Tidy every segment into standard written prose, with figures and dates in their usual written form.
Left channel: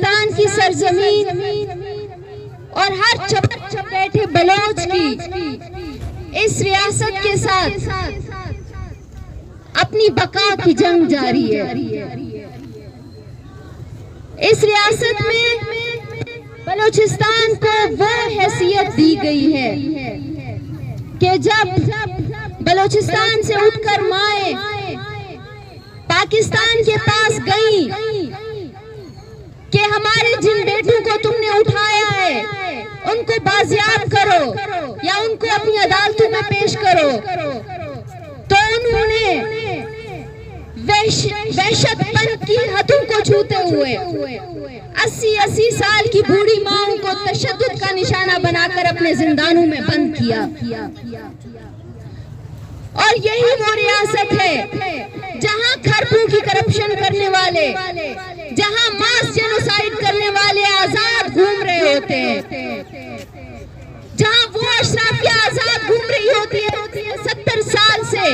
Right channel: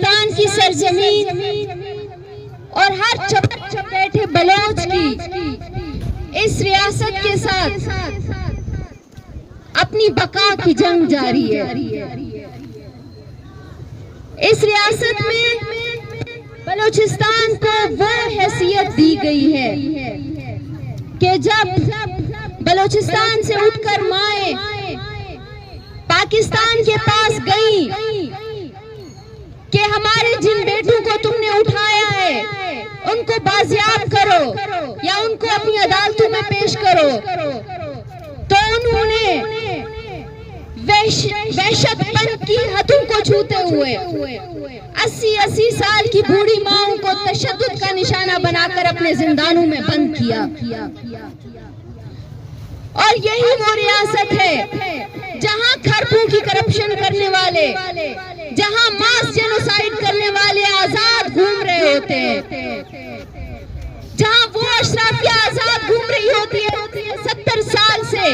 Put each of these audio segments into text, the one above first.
बलोचिस्तान की सरजमीन और हर चपेटे बलोच की इस रियासत के साथ अपनी बका की जंग जारी है। इस रियासत में बलोचिस्तान को वो हैसियत दी गई है कि जब बलोचिस्तान से उठकर माए पाकिस्तान के पास गई कि हमारे जिन बेटों को तुमने उठाया है उनको बाजियाब करो या उनको अपनी अदालतों में पेश करो, तो उन्होंने वहशतपन की हदों को छूते हुए 80-80 साल की बूढ़ी माओं को तशद्दुद का निशाना बनाकर अपने जिंदानों में बंद किया। और यही वो रियासत है जहां खरबों की करप्शन करने वाले, जहां मास जेनोसाइड करने वाले आजाद घूम रहे होते हैं, जहां वो अशराफिया आजाद घूम रही होती है 70 साल से,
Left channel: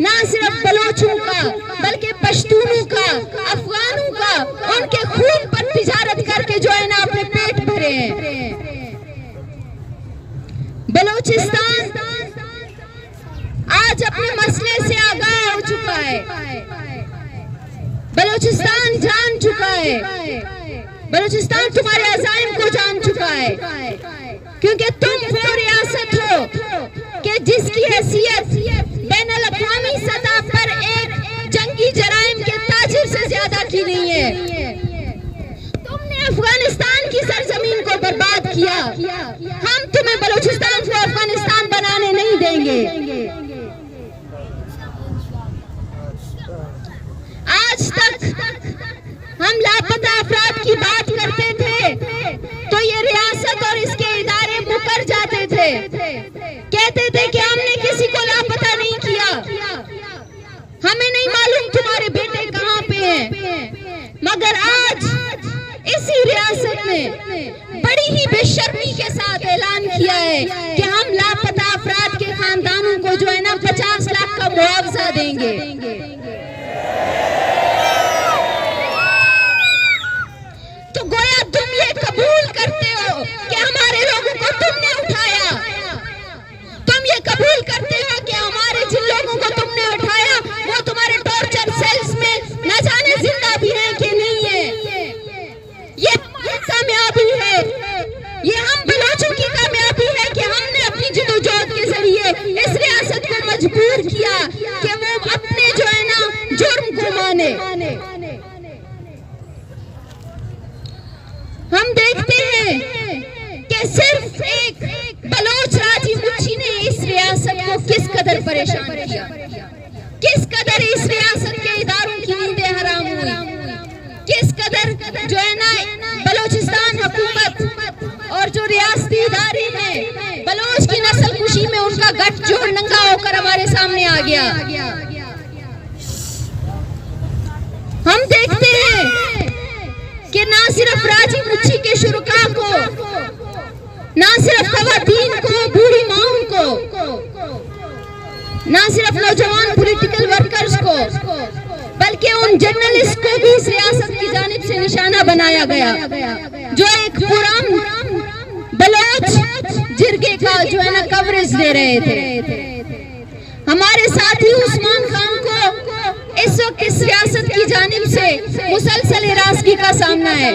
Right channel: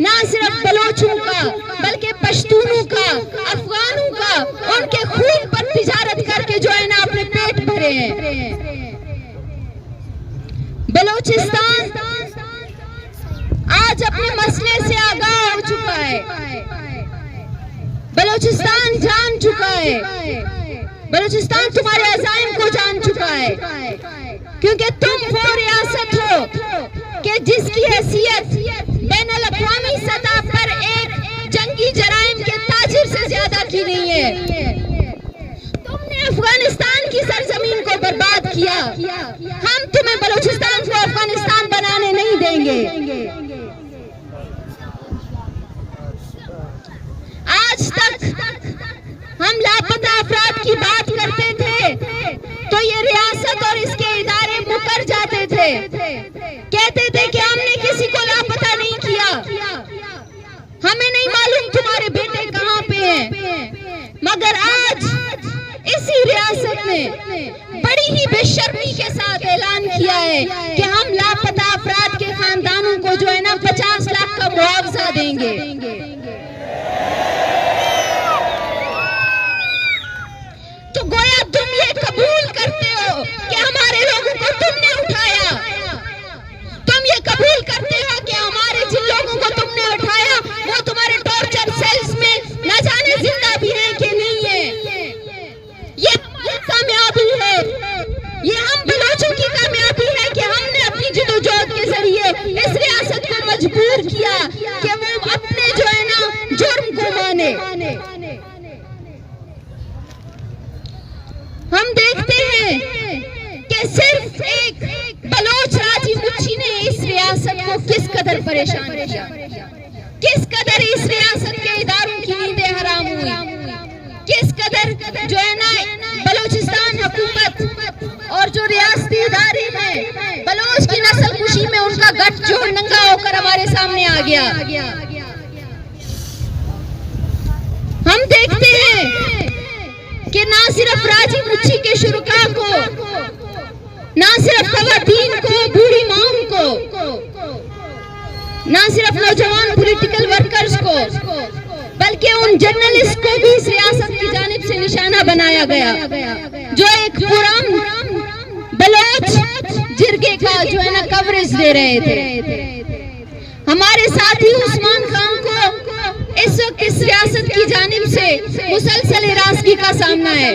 ना सिर्फ बलोचों का बल्कि पश्तूनों का, अफगानों का, उनके खून पर तिजारत करके जो है ना अपने पेट भरे हैं। बलोचिस्तान आज अपने मसले से आगाह हो चुका है। बलोचिस्तान जान चुका है, बलोचिस्तान तुम्हारे अज़ाइम को जान चुका है, क्योंकि तुम वो रियासत हो कि जिसकी हैसियत बैनुल अक़वामी सतह पर एक जंगी जराइम के ताजिर से ज्यादा की नहीं है। तुमने अफगानिस्तान की सरजमीन को बर्बाद किया, हम तुम्हें बलोचिस्तान को अफगानिस्तान बनाने नहीं देंगे। आज तक हम लापता अफराद की बात करते थे तो ये रियासत और इसके इदारे मुकर जाते थे, कहते थे कि हमने किसी को लापता नहीं किया, हमें नहीं मालूम तुम्हारे बेटे कहाँ पे हैं। मगर आज इसी रियासत ने बड़ी ही बेशर्मी के साथ ऐलान किया है कि हम लापता अफराद के खानदानों को जो है ना 50 लाख का मुआवजा देंगे। तो गोया तुम ये कबूल करते हो कि हमारे लोगों को तुमने उठाया, तुम ये कबूल करते हो कि हमारे जिन लोगों को तुमने उठाया वो तुम्हारे टॉर्चर सेल्स में न जाने जिंदा भी हैं कि नहीं है। ये तुम्हारी कामयाबी है, ये हम बलोचों की कामयाबी है कि हमने अपनी जदोजहद के जरिए इस रियासत को मजबूर किया कि वो अपने जो है ना जुर्म को माने। हम देखते हैं कि सिर्फ एक बलोच राजी मुच्छी ने इस रियासत को किस कदर परेशान किया, किस कदर इस रियासत के इदारों की नींदें हराम हुई, किस कदर जो है ना बलोचिस्तान हुकूमत और जो रियासती इदारे हैं बलोच की नस्ल कुशी में उनका गठ जो नंगा होकर हमारे सामने आ गया। हम देखते हैं कि ना सिर्फ राजी मुच्छी के शुरुका को, ना सिर्फ खवातीन को, बूढ़ी माओं को, ना सिर्फ नौजवान पॉलिटिकल वर्कर्स को, बल्कि उन जर्नलिस्ट को भी इस रियासत की जानिब से निशाना बनाया गया जो एक पुरान बलोच जिरगे का जो है ना कवरेज दे रहे थे। हमारे साथी उस्मान खान को इस वक्त इस रियासत की जानिब से मुसलसल हिरासगी का सामना है।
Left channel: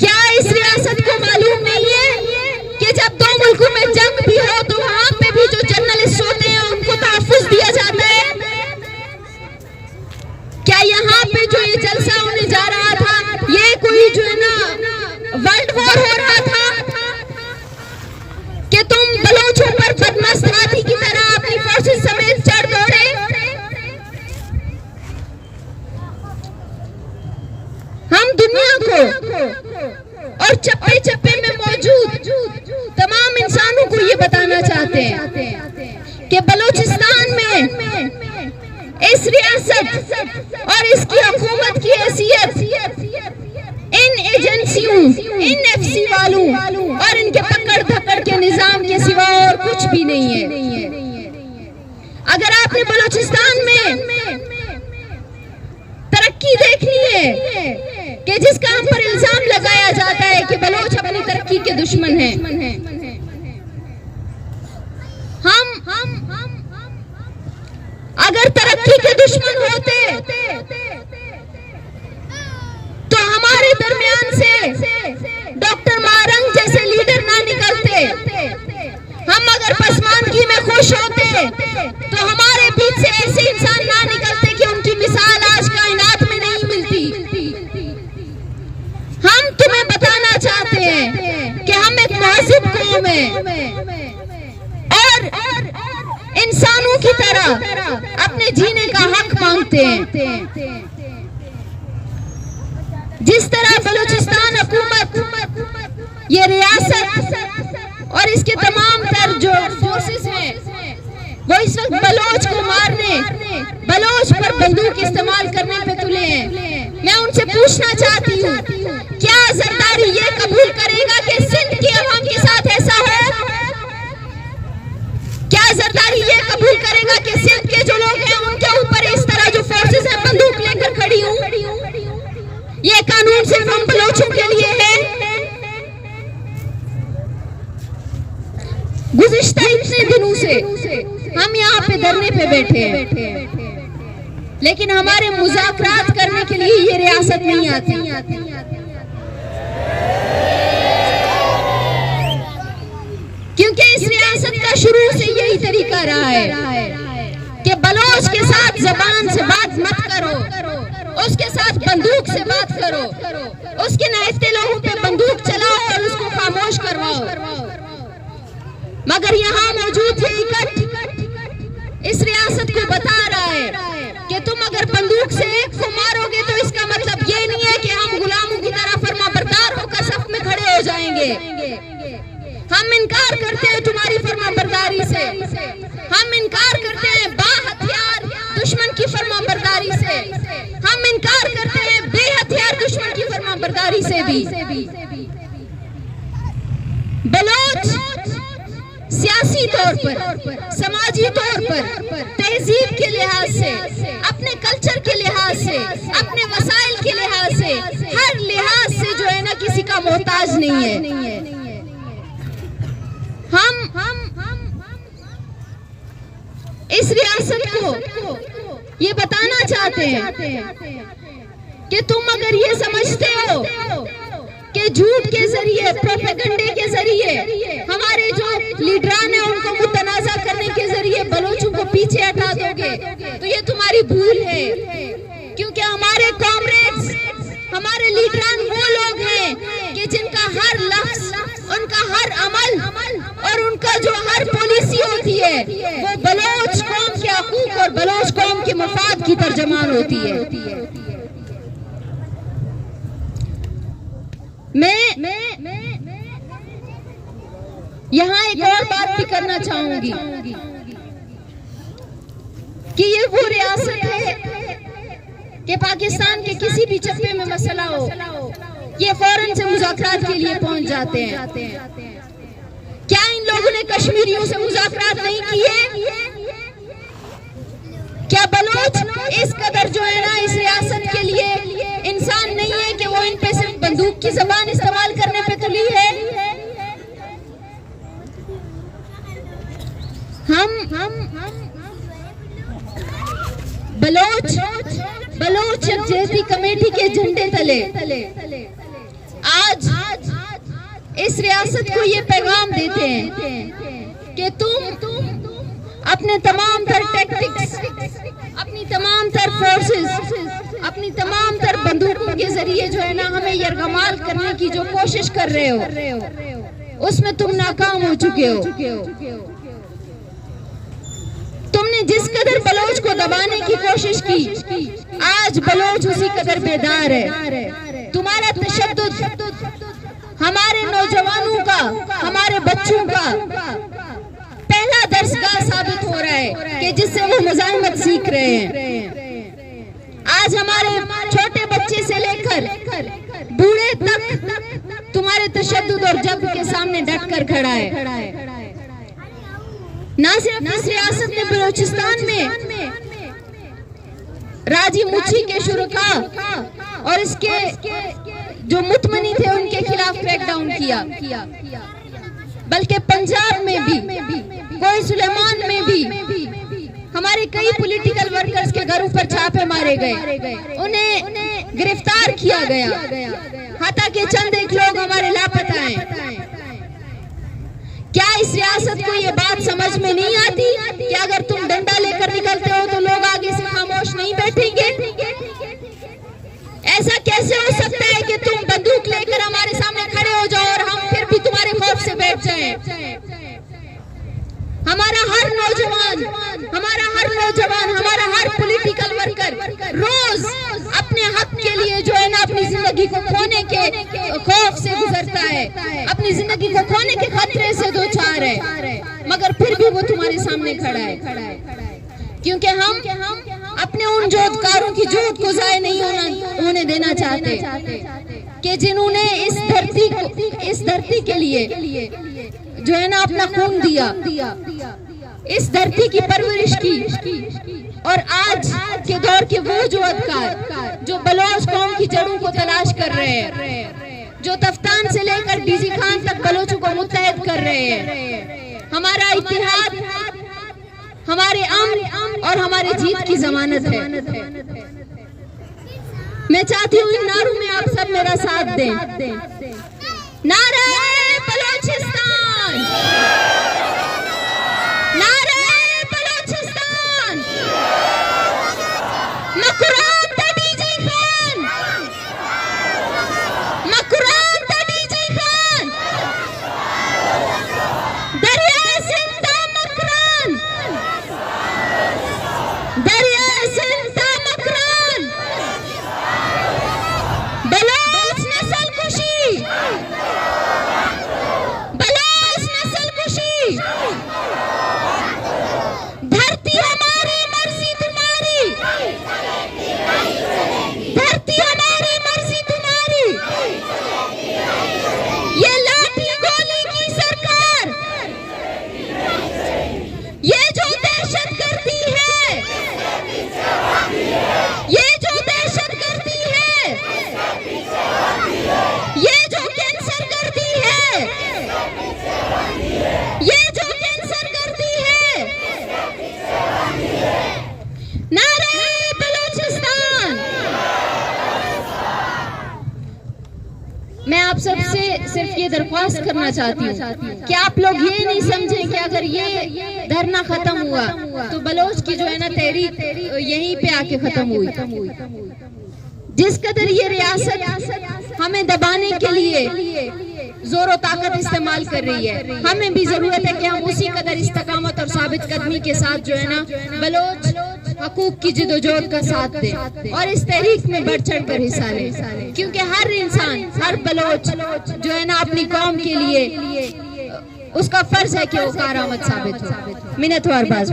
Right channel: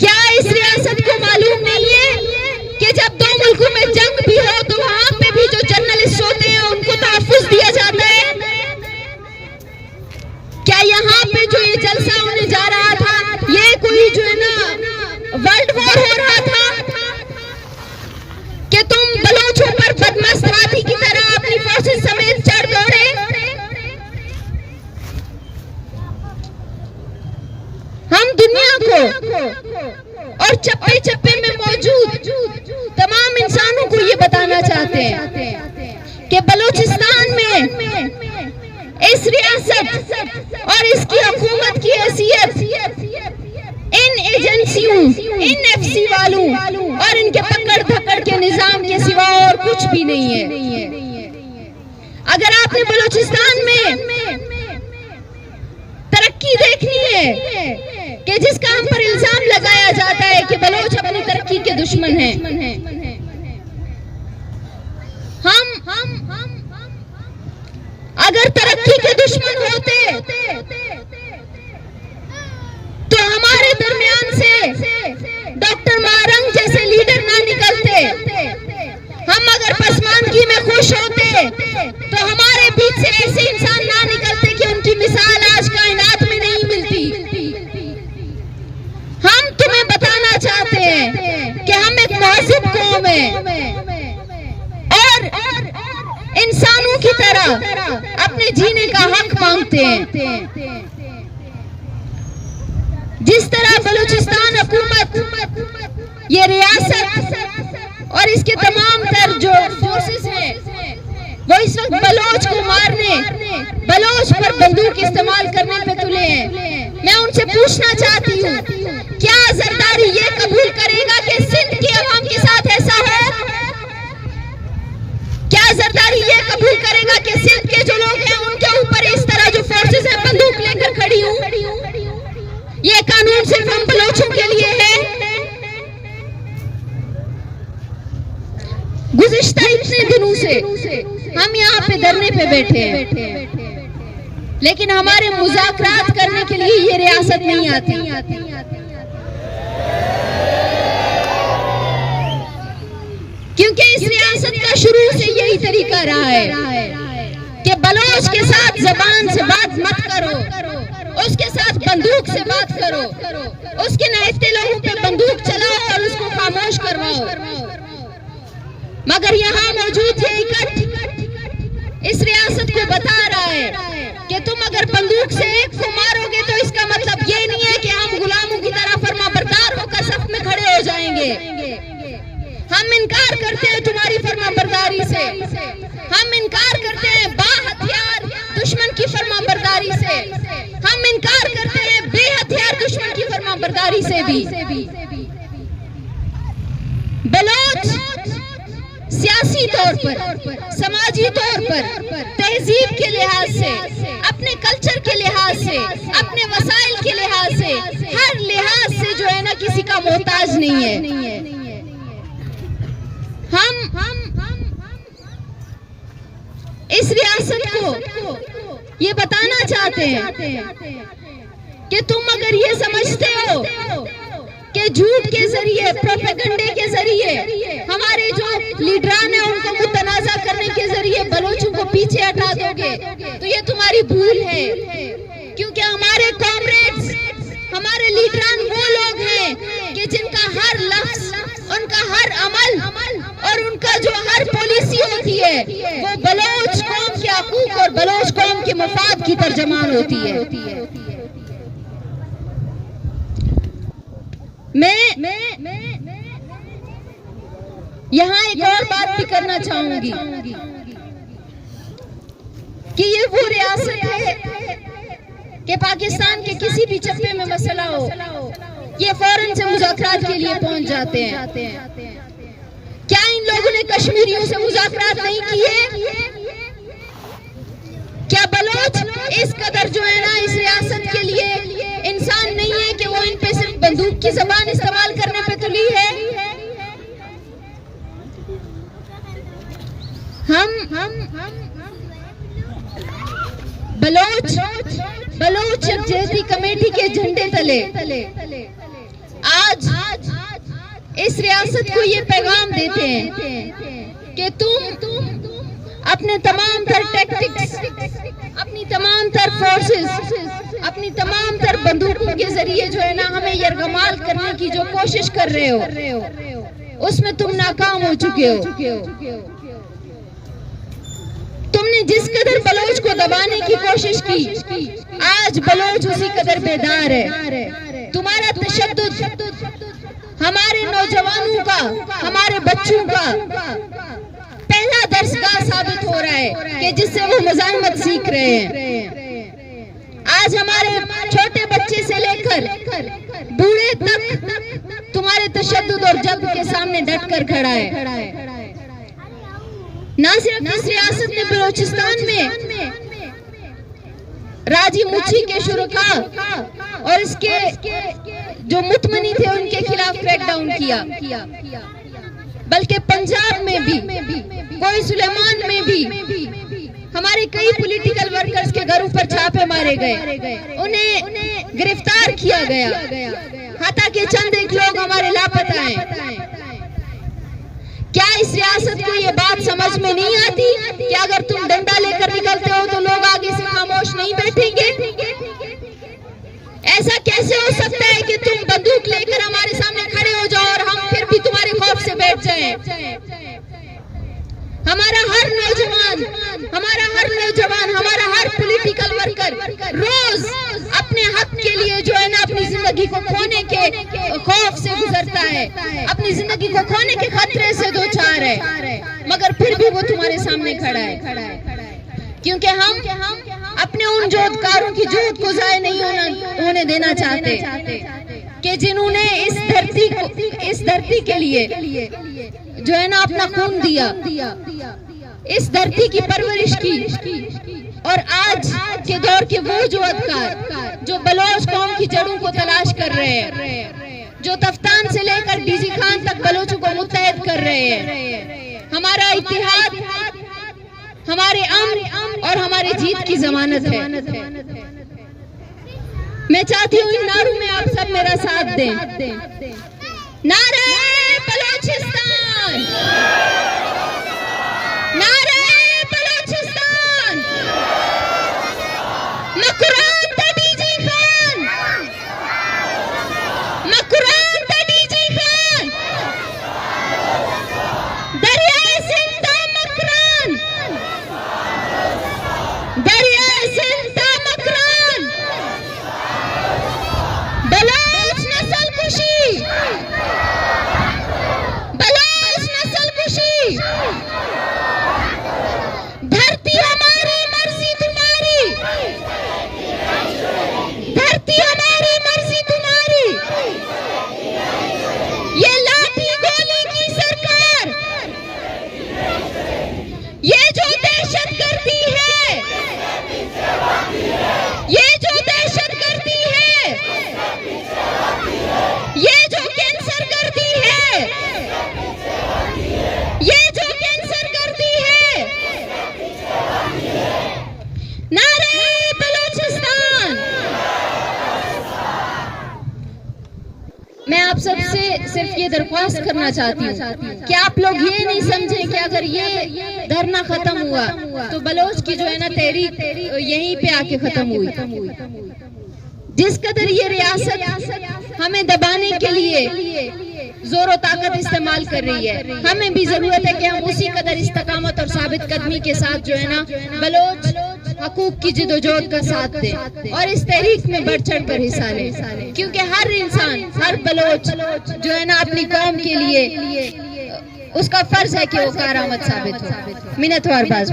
क्या इस रियासत को मालूम नहीं है कि जब दो मुल्कों में जंग भी हो तो वहां पे भी जो जर्नलिस्ट होते हैं उनको तहफ़्फ़ुज़ दिया जाता है? क्या यहाँ पे जो ये जलसा होने जा रहा था ये कोई जो है ना वर्ल्ड वॉर हो रहा था कि तुम बलोचों पर बदमस्त हाथी की तरह अपनी फोर्सेस समेत चढ़ दौड़े? हम दुनिया को और चप्पे चप्पे में मौजूद तमाम इंसानों को ये बताना चाहते हैं कि बलूचिस्तान में इस रियासत और इसकी हुकूमत की हैसियत इन एजेंसियों, इन एफसी वालों और इनके पकड़ धकड़ के निजाम के सिवा और कुछ भी नहीं है। अगर आपने बलूचिस्तान में तरक्की देखनी है कि जिसका हम पर इल्जाम लगाया जाता है कि बलोच अपनी तरक्की के दुश्मन हैं। हम अगर तरक्की के दुश्मन होते तो हमारे दरमियान से डॉक्टर मारंग जैसे लीडर ना निकलते। हम अगर पसमानगी में खुश होते तो हमारे बीच से ऐसे इंसान ना निकलते कि उनकी मिसाल आज कायनात में नहीं मिलती। हम तुम्हें बताना चाहते हैं कि हम एक महज़िब कौम हैं और इंसानों की तरह अपने जीने का हक मांगते हैं। जिस तरह बलूचिस्तान हुकूमत, ये रियासत और इसके तमाम तर जो फोर्सेस हैं वो इस वक्त बलोच को मारने, बलोच पर बंदूक इस्तेमाल करने पे तुले हैं। मैं उनसे पूछना चाहती हूँ, क्या जरदारी ये कबूल करेगा कि सिंध की अवाम के साथ ऐसा है? क्या जरदारी ये कबूल करेगा कि सिंध के जो लोग हैं उनके ऊपर इस तरह जो फोर्सेस हैं बंदूक लेकर खड़ी हूँ? ये कानून सिर्फ हम बलोचों के लिए है। गुज़िश्ता इतने दिनों से हम यहाँ पे धरने पे बैठे हैं, लेकिन हमारे मुज़ाकरात करने के लिए ये रियासत नहीं आती। क्योंकि इस रियासत का शुरू से यही तरीका रहा है कि बलोच के साथ जबान से बात मत करो, उसके साथ बंदूक से बात करो, उसके नाइफ्ते लोगों पे बंदूक चलाओ और उसको खामोश करवाओ। मगर यहाँ मौजूद ये इकट्ठ इस रियासत को बता रहा है कि तुम अगर बंदूक से एक को मारोगे तो इसका मतलब ये नहीं है कि हम गुलामों की तरह फर्माबरदार होकर सफ में खड़े हो जाएंगे। हम इनकार करते हैं तुम्हारी फर्माबरदारी से, हम इनकार करते हैं बाहथियार दुश्मन की फर्माबरदारी से, हम इनकार करते हैं बेहथियार दुश्मन की फर्माबरदारी से भी। बलोच सियासी तौर पर, समाजी तौर पर, तहजीब के लिहाज से, अपने कल्चर के लिहाज से, अपने वसाइल के लिहाज से, हर लिहाज से जो है ना किसी का मोहताज नहीं है। हम इस रियासत को ये बताना चाहते हैं कि तुम अगर ये समझते हो कि झूठ के जरिए, प्रोपेगेंडे के जरिए, हमारे जो लीडरान हैं उनको मुतनाज़ा करने के जरिए बलोचों को पीछे हटा दोगे तो ये तुम्हारी भूल है। क्योंकि हमारे कॉमरेड्स, हमारे लीडरान वो लोग हैं कि जिनका हर लफ्ज, उनका हर अमल और उनका जो हर पॉलिसी होती है वो बलोच कौम के हकूक और बलोच कौम के मफाद की तर्जमान होती है। मैं यहाँ एक और बात भी करना चाहूंगी कि ये वो रियासत है कि पाकिस्तान के किसी भी चप्पे में मसला हो, ये फौरन से मुज़ाकरात के लिए पहुंच जाते हैं। क्या इन लोगों ने कश्मीरियों से मुज़ाकरात नहीं किए? क्या बलोच इस कदर जो है ना इस रियासत के लिए इंसान नहीं है कि वो इन पे सिर्फ बंदूक की जबान इस्तेमाल करने पे तुली है? हम बलोच यकजहती कमेटी के झंडे तले आज इस रियासत को ये पैगाम देते हैं कि तुम अपने तमाम तर टैक्टिक्स, अपनी तमाम तर फोर्सेस, अपनी तमाम तर बंदूकों के जरिए जो है ना हमें यरगमाल करने की जो कोशिश कर रहे हो उसमें तुम नाकाम हो चुके हो। तुमने जिस कदर बलोच को दबाने की कोशिश की, आज बलोच उसी कदर बेदार है। तुम्हारा तशद्दुद हमारे नौजवानों का, हमारे बच्चों का पहला दर्सगाह साबित हो रहा है कि जिससे वो मुजाहिमत सीख रहे हैं। आज हमारे छोटे बच्चे से लेकर बूढ़े तक तुम्हारे तशद्दुद और जब्र के सामने डटकर खड़ा है। ना सिर्फ इस रियासत में, बलूचिस्तान में राजी मुच्छी के शुरका और इसके जो मुतमनी थे उनके खिलाफ क्रैकडाउन किया, बल्कि पंजाब में भी, कोई सुलेमान में भी हमारे कई पॉलिटिकल वर्कर्स के घरों पर छापे मारे गए, उन्हें गिरफ्तार किया गया, हालांकि चंद एक लोग हमारे लापता हैं। क्या इस रियासत को ये बात समझ में नहीं आती कि अगर तुम डंडा लेकर निकलते हो तो लोग आगे से खामोश नहीं बैठेंगे? ऐसा कैसे हो सकता है कि तुम बंदूक लेकर हमारे सामने खड़े हो जाओ और हम फिर भी तुम्हारे खौफ से बैठ जाएं? हमारा हर नौजवान, हमारा हर पॉलिटिकल वर्कर रोज अपने हक के लिए जो है ना अपनी जिंदगी को खोने के खौफ से गुजरता है, अपनी जिंदगी को खोने के खतरे से दो चार है, मगर फिर भी वो तुम्हारे सामने खड़ा है, क्योंकि हम अपने उन जोधकारों की जोत को जाया नहीं होने देना चाहते कि जिन्होंने इस धरती के लिए जो है ना अपना खून दिया, इस धरती की परवरिश की, और आज के दौर के वो जो अधिकार जो बलोच कौम की जड़ों को तलाश कर रहे हैं, जो तफ्तान से लेकर डीजी खान तक बलोचों को मुत्तहद कर रहे हैं। हमारा इत्तेहाद हमारे अमन और हमारे जीत की जमानत है। मैं चाहती हूँ इन नारों में आप सब मेरा साथ दें। नारे बलोचिस्तान, नारे बलोचिस्तान, मकुरान था डीजी खान, मकुरान था डीजी खान, दरिया सिंध था मकरान, दरिया सिंध था मकरान, बलोच नस्ल कुशी, बलोच नस्ल कुशी, धरती हमारी मर्जी तुम्हारी, धरती हमारी मर्जी तुम्हारी, ये लाठी गोली की सरकार, ये जो दहशत गर्दी है, ये जो दहशत गर्दी है, ये जो कैंसर गर्दी है, ये जो कैंसर गर्दी है, नारे बलोचिस्तान। मैं आप सबसे सिर्फ ये दरख्वास्त करना चाहती हूँ कि आप लोग ये नहीं समझें कि अगर ये धरना खत्म हुआ तो बलोच की जो है ना तहरीक यहीं पे आके खत्म हुई। जिस कदर ये रियासत हमें दबाने के लिए जोर ताकत इस्तेमाल कर रही है, हमें भी जरूरत है कि हम उसी कदर इस्तकामत और साबित कदमी के साथ जो है ना बलोच हकूक की जिदोजहद का साथ दें और इस तहरीक में बढ़ चढ़ कर हिस्सा लें, क्योंकि हर इंसान, हर बलोच जो है ना अपनी कौम के लिए उसका फर्ज है कि वो कारामद साबित हो। मिन्नत और बाज़।